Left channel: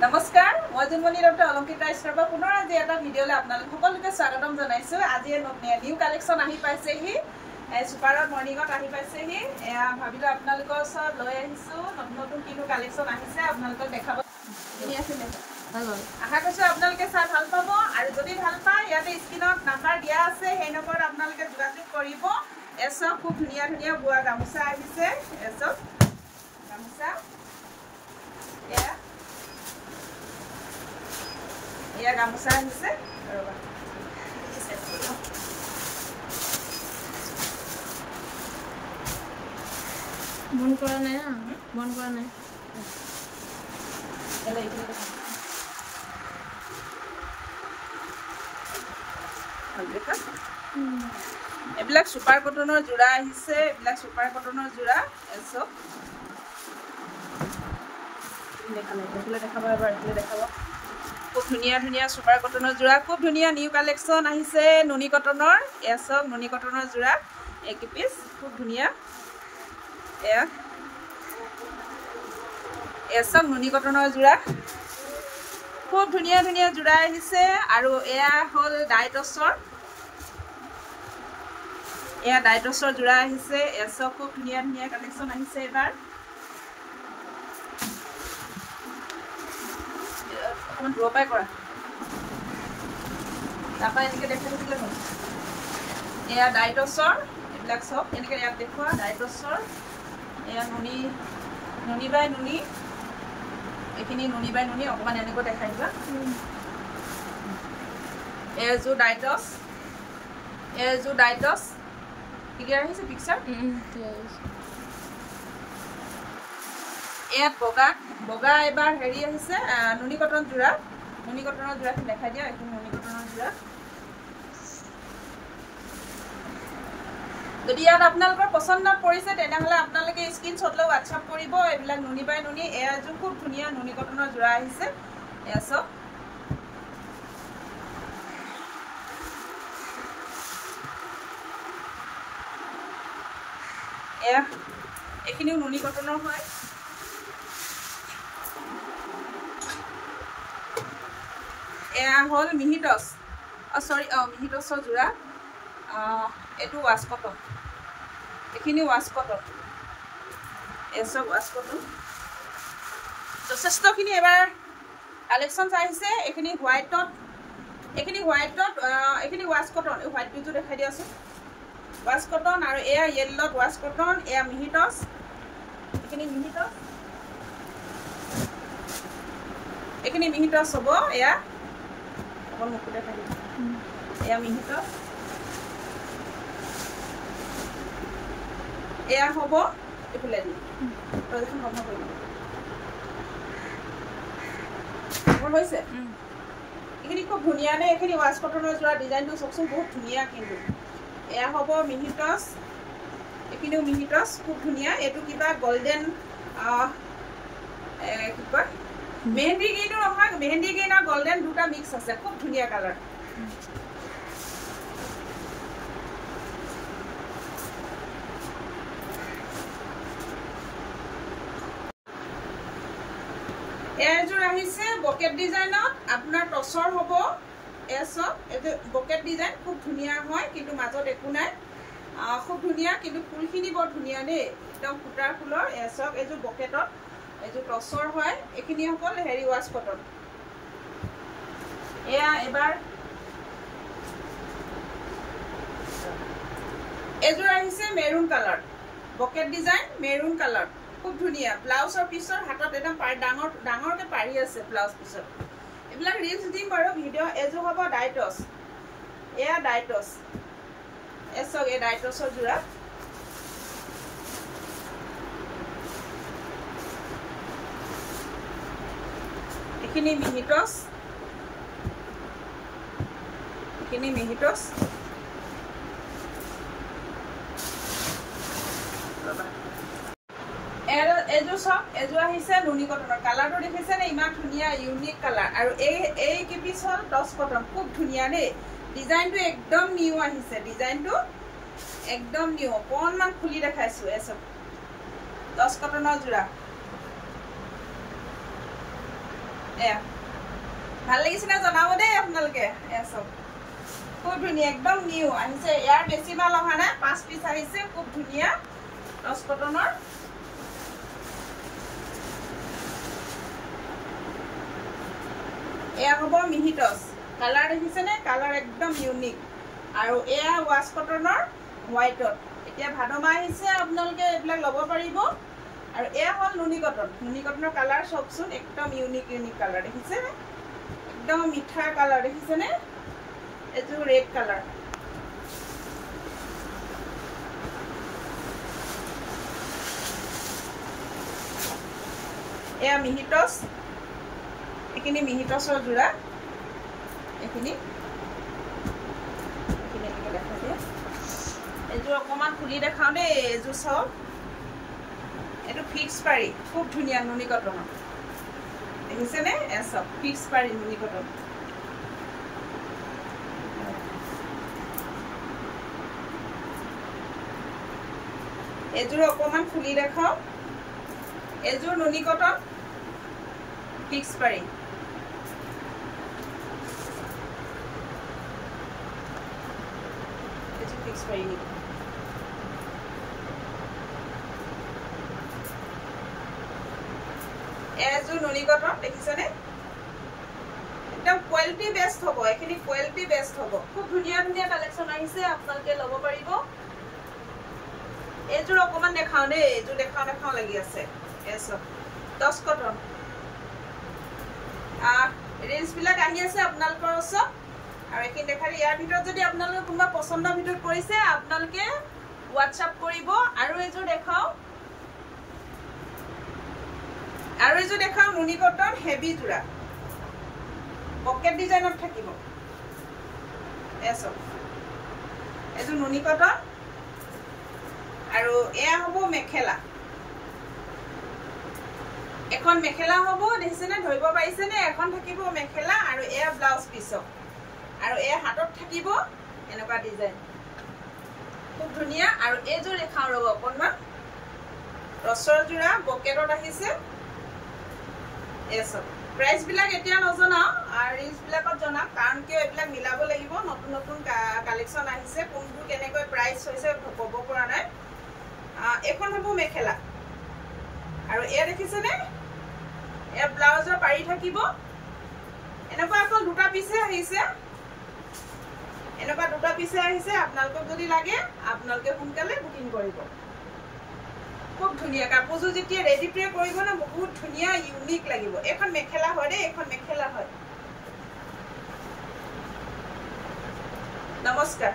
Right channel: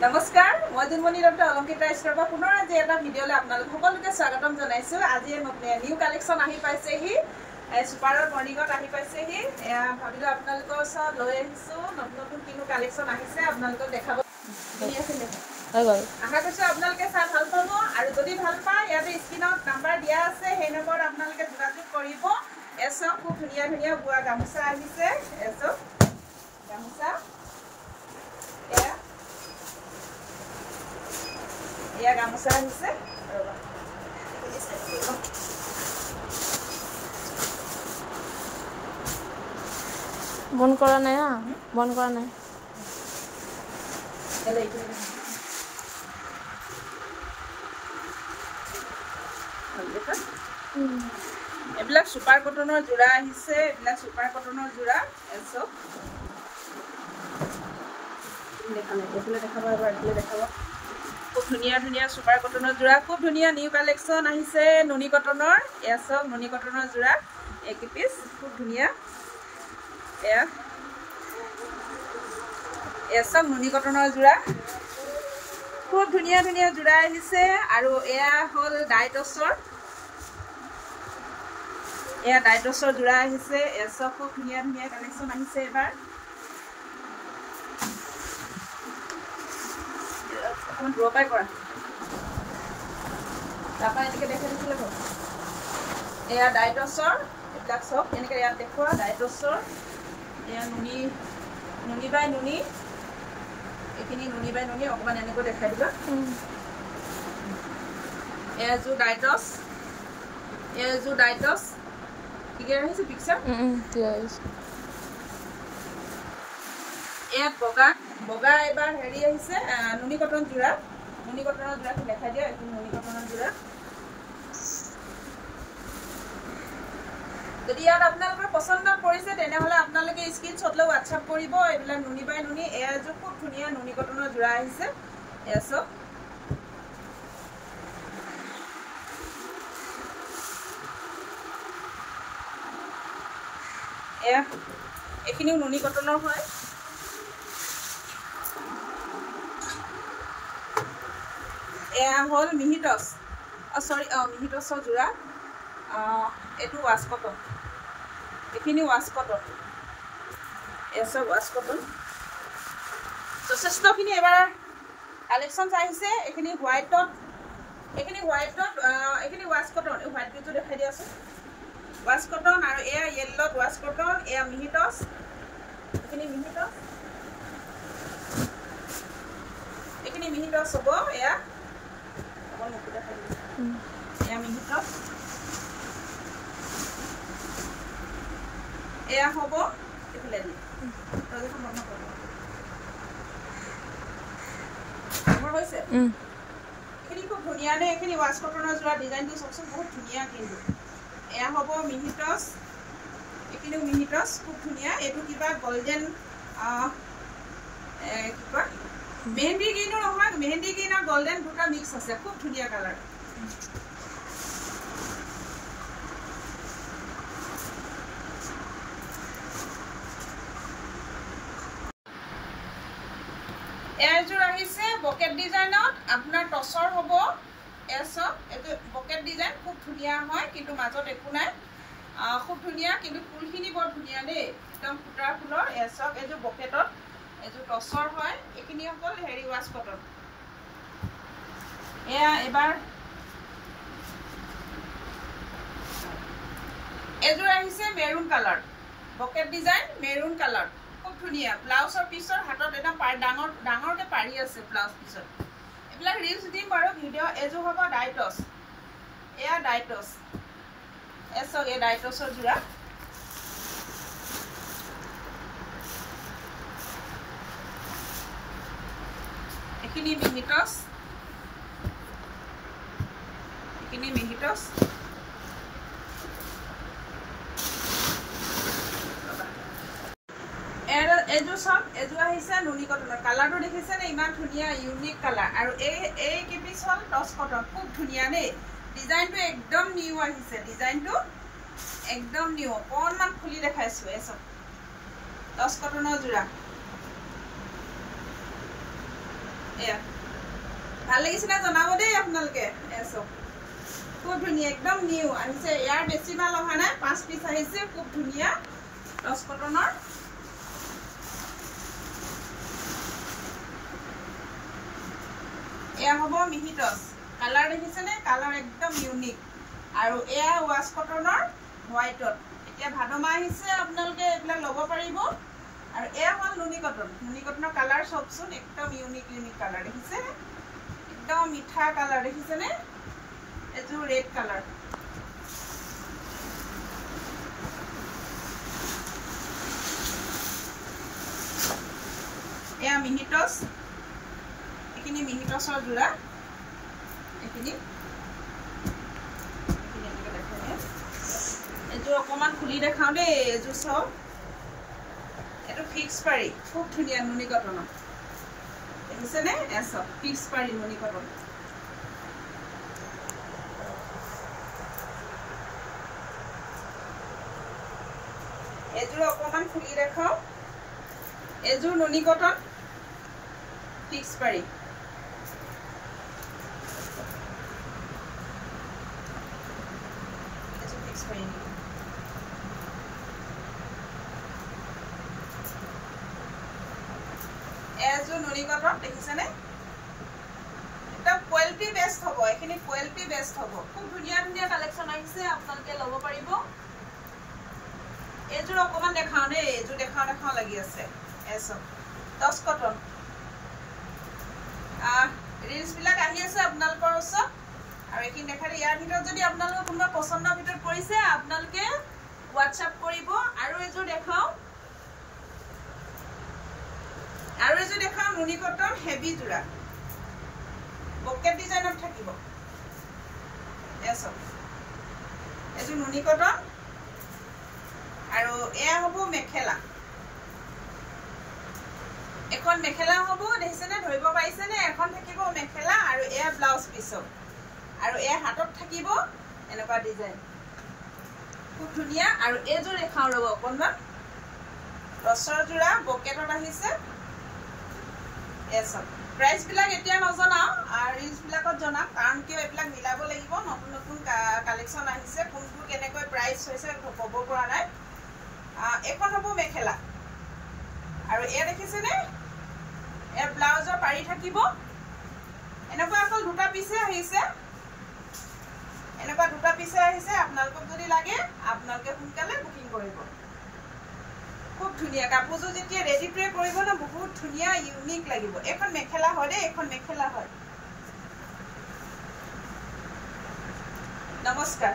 নমস্কাৰ মই জুনমণি ডক্টৰ অলংকিতা ইছৰাবা পুনৰ আজি এটা ভিডিঅ'লৈ আপোনালোক সকলোকে স্বাগতম জনাইছো আজি নিউ কালেকশ্যন আহি পাইছেহি সুপাৰৰ মৰ্নিঙত আহি পাইছেহি ভাবিলো আপোনালোকৰ ওচৰত লৈ আহিছো নতুন নতুন কিনো কালেকশ্যন আহিছে আপোনালোকক দেখাব আশা কৰিছো আপোনালোকে চাই ভাল পাব আৰু যদি ভাল পায় ইয়াতে স্ক্ৰীনত নাম্বাৰ দিয়া আছে সেই নম্বৰত আপোনালোকে যোগাযোগ কৰিব এসব খুব ধুনীয়া ধুনীয়া বোৱা গামোচা আহিছে এসব গামোচা या गामोसा আহিছে বন কৰা নাই বন কৰা নাই এবিলাক সুপাৰ কটনৰ জোৰা আহিছে এবিলাক সুপাৰ কটনৰ জোৰা এসব ধুনিয়া ধুনিয়া সুপাৰ কটনৰ জোৰা খুব ধুনিয়া নিউ কালেকশ্যন আহিছে নুনি কটনৰ এসব নুনি কটনৰ জোৰা এক পিস খুব ধুনিয়া এসব নুনি কটনৰ জোৰা খুব ধুনিয়া ধুনিয়া জোৰা আহিছে আৰু এয়া হল ডাইটছৰ জোৰা আহিছে এসব খুব ধুনিয়া ধুনিয়া কালেকশ্যন আহিছে এবাৰ ড্ৰপাই কৰা তাপা এনেকে দেখা দিছিলে এয়া ডাইটছৰ এবিলাক সব এনেকে ইয়াত দেখুৱা ডাইটছৰ এয়া নুনি বাই নুনি এখিনি নুনি বাই নুনি অকমান এনেকৈ দেখাই দিবা এয়া জু ডাইটছ ক্লিয়াৰ হৈছে পিকচাৰ এয়া বগা এবাৰ হেৰি আহিছে নুনি কটন জোৰা কি দেখাই দিয়া এখন নুনি কটনৰ জোৰা যদি ইয়াত আপোনালোকৰ পছন্দ পৰিছে তেনেহলে আপোনালোকে স্ক্ৰীনশ্বট লৈ WhatsApp কৰিব এইবিলাক নুনি বাই নুনি এজো খুব ধুনিয়া নুনি কটনৰ জোৰা আহিছে এসব এখিনিও নুনি কটনৰ হয় এয়া হল মিহিটছ মিহিটছৰ জোৰা এটো ওয়াশ কটন এখিনি ওয়াশ কটন এসব ওয়াশ কটন যথেষ্টখিনি এবাৰ কালেকশ্যন আহিছে এখিনি হোৱাইটত এখিনি ওয়াশ কটন এই হোৱাইট বিজু দেখাই দিয়াছো ওয়াশ কটন আৰু এয়া ইয়েল্লোত ওয়াশ কটন এয়া মিহিটছ এখিনি মিহিটছ হ'ব এয়া এয়া মিহিটছ এয়া হ'ব এফালে দি প্ৰদৰ্শন বন্ধ কৰিব হৈছে এখিনি খুব ধুনিয়া নে এখিনি ওয়াশ কটনৰ জোৰা ডিজাইনটো সবচোন বহুত ধুনিয়া কিন্তু এয়া হ'ব মিহিটছ এখিনিও মিহিটছ খুব ধুনিয়া এটো কিবা গোল্ডেন কি কয় মেহেন্দি গ্ৰীণ নহয় মেহেন্দি গ্ৰীণ আৰু গোল্ডেন দুটা মিক্স আছে খুব ধুনিয়া কালাৰ এজোৰ আহিছে বকেট ডিজাইনত আপোনাৰ টছৰ হ'ব এসব এটো বকেট ডিজাইন খুব ধুনিয়া হয় কিন্তু মাজত একো নাই খুব ধুনিয়া কিন্তু ফুলখিনি বৰ ধুনিয়া দেই একদম ফুটাৰ ফুলৰ এসব এজো বকেটত এজো টছৰ হয় এখিনি হ'ল হেৰি ওয়াশ কটন এয়া এবাৰ এজোৰ আহিছে maroon colour bucket design maroon colour খুব ধুনিয়া ব্লাউজৰ পিছৰ হাতত একদম ডাঙৰকে পাৰি আছে ব্লাউজ পিছৰ এইবিলাক ৰিলছ দিম বাৰু ভিডিঅ' এজোৰ হ'ব ডাইটছ এয়া ডাইটছ এসব এই ডাইটছৰ জোৰা এখিনি মিহিটছ এজো আহিছে নুনি কটনৰ কালাৰটো দেখিছে নে ইমান ধুনিয়া ইউনিক কালাৰ আৰু এই কি পিস হল টছ কটন খুব ধুনিয়া দেই ডিজাইনটো একদম নিউ আহিছে ডিজাইনটো একদম নিউ অকণমান খুলি দেখাইছো এসব টছ কটনৰ জোৰা এয়া ভাল লাগিছে না জনাব দেই আপোনালোকে এয়া চব খুব ধুনীয়া একদম নিউ আহিছে ইয়াৰ বেছি মাল অহা নাই 5 পিচ আহিছে খুব ধুনীয়া টচ কটনৰ এয়া হ'ব মিহি টচ কালাৰ দেখিছেনে কালাৰ একদম ইউনিক আৰু এয়া ৱাছ কটনৰ হোৱাইটত এতিয়া ভাদমা আহিছে আপোনালোকে এইবিলাক ল'ব পাৰিব আৰু এয়া হ'ল নুনি কটনৰ কালাৰ চাওকচোন একদম ইউনিক কালাৰ দেখিছেনে একদম মিঠা কালাৰ দেখিছেনে এইটো ৰেড কালাৰ এয়া মিহি টচ এইখিনি মিহি টচৰ যোৰা এইখিনি দেখাওঁ দে এইযোৰ অকণমান খুলি দেখাওঁ দেই এইযোৰ চাওক এইটো ফিক্স পাৰি খুব ধুনীয়া নুনি কটনৰ দেখিছেনে এয়া চাওক ফিক্স পাৰি নুনি কটন এইযোৰ অকণমান খুলি দেখাওঁ এইযোৰ নুনি কটন ফিক্স পাৰি ফিক্স পাৰি নেকি এযোৰ নুনি কটন দেখিছেনে একদম কোৱালিটি বেষ্ট হ'ব এইখিনি কোৱালিটি বেষ্ট হ'ব খুব ধুনীয়া ধুনীয়া কালেকশ্যন আহিছে আপোনালোকে ল'ব পাৰিব এইযোৰ অকণমান দেখাওঁ দেই এইযোৰ দেখাওঁ লাগি আছে এচব টচ কটন ৰিলচবিলাক আহি আছে আপোনালোকৰ ওচৰত আৰু এইখিনি দেখালে ইয়াৰ ভিতৰত যদি আপোনালোকৰ কোনোবা পচন্দৰ ভিতৰত পৰিছে আপোনালোকে হোৱাটছআপ কৰিব আৰু এইযোৰ দেখাওঁ নুনি কটন হেভি যোৰা পকেট ডিজাইনত থাকিব এচব এইযোৰ নুনি কটন আৰু এয়া হ'ব মেখেলা এখন মেখেলা হ'ব দেখিছেনে ধৰিব পাৰিছেনে এখন থাকিব মেখেলা আৰু এয়া ব্লাউজ পিছক আৰু এয়া হাতত থাকিব এনেকুৱা ডিজাইন খুব ধুনীয়া আৰু এইযোৰ দেখাওঁ ৰ'ব অকণমান ৰছৰ যোৰা বকেটত আহিছে এচব প্ৰাইচবিলাক এতিয়া নজনাওঁ আৰু ৰিলচবিলাকত জনাম কাৰণ কিয় এইবিলাক মিলাব লাগিব নতুন নতুন কালেকশ্যন আহিছে কোনবোৰ কেনেকৈ প্ৰাইচ হৈছে ক'ব পৰা নাই এখন হ'ব মেখেলা আৰু এয়া দেখিছেনে এয়া ব্লাউজৰ পাৰি থাকিব এনেকুৱা এখন দুটা পিছে আহিছে আপোনালোকক যদি লাগে আপোনালোকে সোনকালে বুকিং কৰিব খুব ধুনীয়া কাপোৰযোৰ যেতিয়া ৰেডি প্ৰে কৰিব ন বহুত ধুনীয়া ইউনিক লাগিব এখন মেখেলা হয় দেই এখন মেখেলা হয় নমস্কাৰ